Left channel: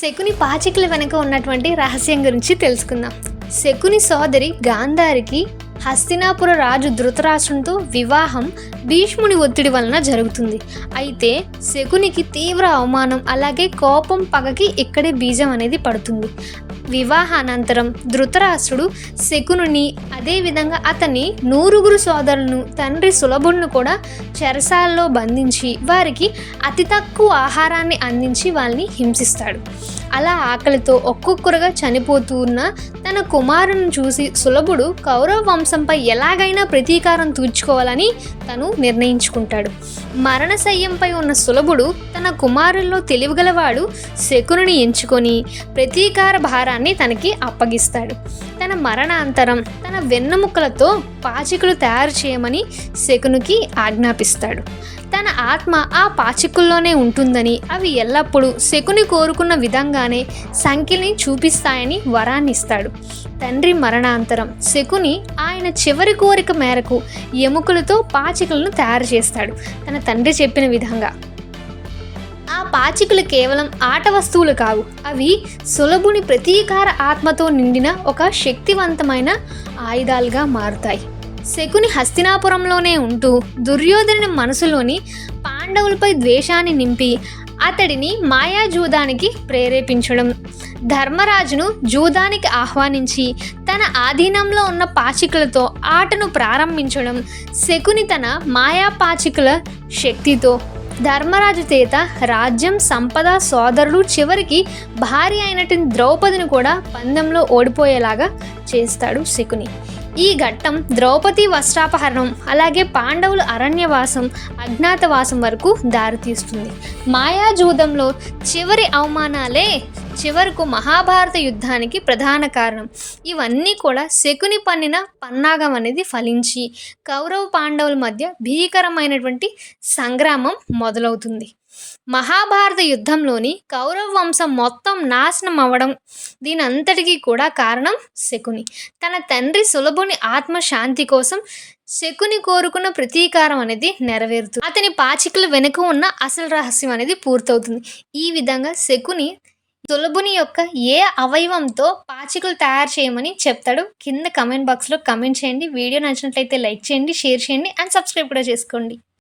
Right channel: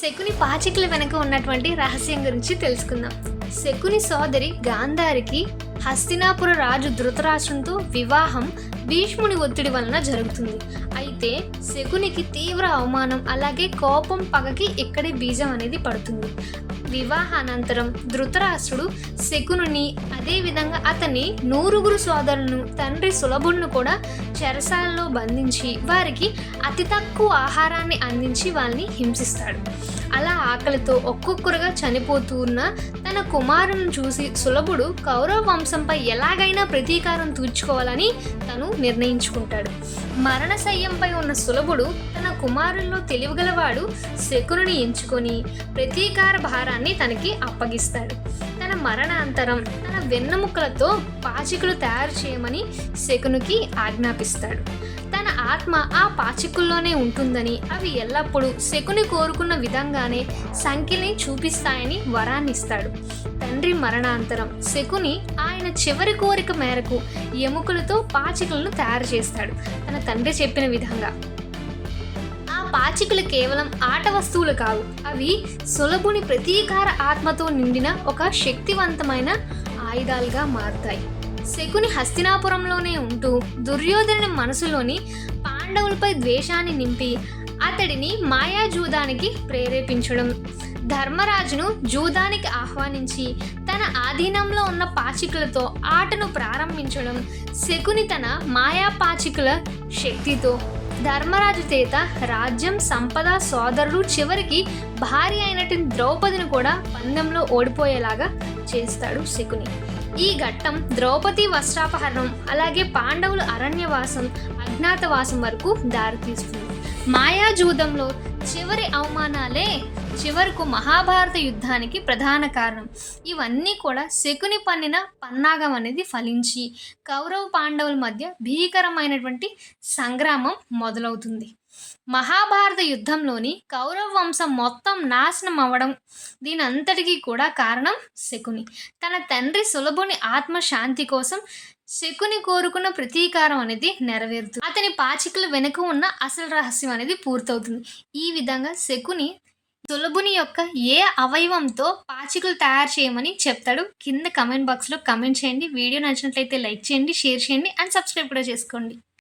శకుని పాచికల వెనుక ఉన్నటువంటి రహస్యం గురించి తెలుసుకుందాం. శకుని సోదరి గాంధారికి హస్తినాపుర రాజు ధృతరాష్ట్రంతో వివాహం భీష్ముని ఒత్తిడి వలన జరుగుతుంది. అయితే శకునికి తీవ్ర అవమానం అలాగే కోపం పగకి ఇక్కడే బీజం అనేది పడుతుంది. వివాహానంతరం ధృతరాష్ట్రుడు శకునుని అదేవిధంగా అతని నూరుగురు సోదరులను తండ్రి సులభులను కూడా చెరసాల్లో బంధించి వారికి అతి తక్కువ ఆహారాన్ని అందించి వాళ్ళని హింసిస్తాడు. అలా ఆకలితో ఒక్కొక్కరుగా చనిపోతూ ఉన్న తన కుమారుని చూసి సులభుడు కౌరవ వంశంపై ఎలాగైనా ప్రతీకారం తీర్చుకోవాలని తను నిర్ణయించుకుంటాడు. మరణశయ్యంపై ఉన్న సులభుడు తన కుమారుల్లో తెలివిగలవాడు శకునుని ఎంచుకొని ప్రతీకార భారాన్ని తనకి అప్పగిస్తాడు. తన మరణాంతరం తన వెన్నెముకలతో పాచికలు తయారు చేయమని శకునికి ఆజ్ఞాపిస్తాడు. తన ఆత్మ ఆ పాచికల్లోనే ఉంటుందని అవి ఎల్లప్పుడూ శకుని కోరుకున్న విధంగానే సంఖ్యని చూపిస్తాయని వరాన్ని ఇస్తాడు తండ్రి మరణాంతరం శకుని ఆయన చివరి కోరిక మేరకు ఎముకలతో పాచికలను తయారు చేస్తాడు. తన తండ్రి చెప్పిన విధంగా. ఆ పాచికలు కేవలం ఆట వస్తువులు కావు. అవి సులభుని ప్రతీకార ఆత్మతో నిండిన ఒక శక్తివంతమైన ఆయుధాలుగా మారుతాయి. శకుని హస్తినాపురంలోనే ఉంటూ దుర్యోధనుని మనసులోని పాండవులపై ద్వేషాన్ని నింపి అతడిని మాయాజూదానికి ప్రేరేపించడం. ధర్మరాజును జూదానికి ఆహ్వానించి తన ఆధీనంలో ఉన్న పాచికలతో ఆటను ప్రారంభించడం శకుని తన మాయా పాచికల శక్తితో. ధర్మరాజు చేత రాజ్యం సంపద సోదరుడు చివరికి భార్య అయినటువంటి ద్రౌపదిని కూడా పందెంలో ఓడిపోయేలాగా చేస్తాడు శకుని. ఈ ఘట్టం ద్రౌపది వస్త్రాపహరణం అలాగే పాండవుల అరణ్యవాసం అజ్ఞాతవాసం వరకు దారితీస్తుంది. మాయాజూదంలో చివరి అవమానాలే చివరకు మహాభారత యుద్ధానికి ప్రధాన కారణం. ఇవన్నీ కూడా శకుని పన్నిన పన్నాగం అనేది ఫలించి కౌరవ పాండవుల మధ్య భీకరమైనటువంటి సంగ్రామం మొదలవుతుంది. మహాభారత యుద్ధంలోని కౌరవ వంశం మొత్తం నాశనం అవ్వడం దీని అంతటికీ కూడా కారణం శకుని. తన తండ్రి సులభుని ఆత్మశాంతి కోసం శకుని కోరుకున్న ప్రతీకారం అనేది నెరవేరుతుంది. అతని పాచికల వెనుక ఉన్న అసలు రహస్యం అనేది పూర్తవుతుంది. ఈ విధంగా శకుని తులబుని యొక్క ఏ అవయవంతో పాచికలు తయారు చేయమని చెప్తాడు కింద కమెంట్ బాక్స్లో కమెంట్ చేయండి. వీడియో నచ్చినట్లయితే లైక్ చేయండి షేర్ చేయండి అండ్ సబ్స్క్రైబ్ కూడా చేసుకోండి.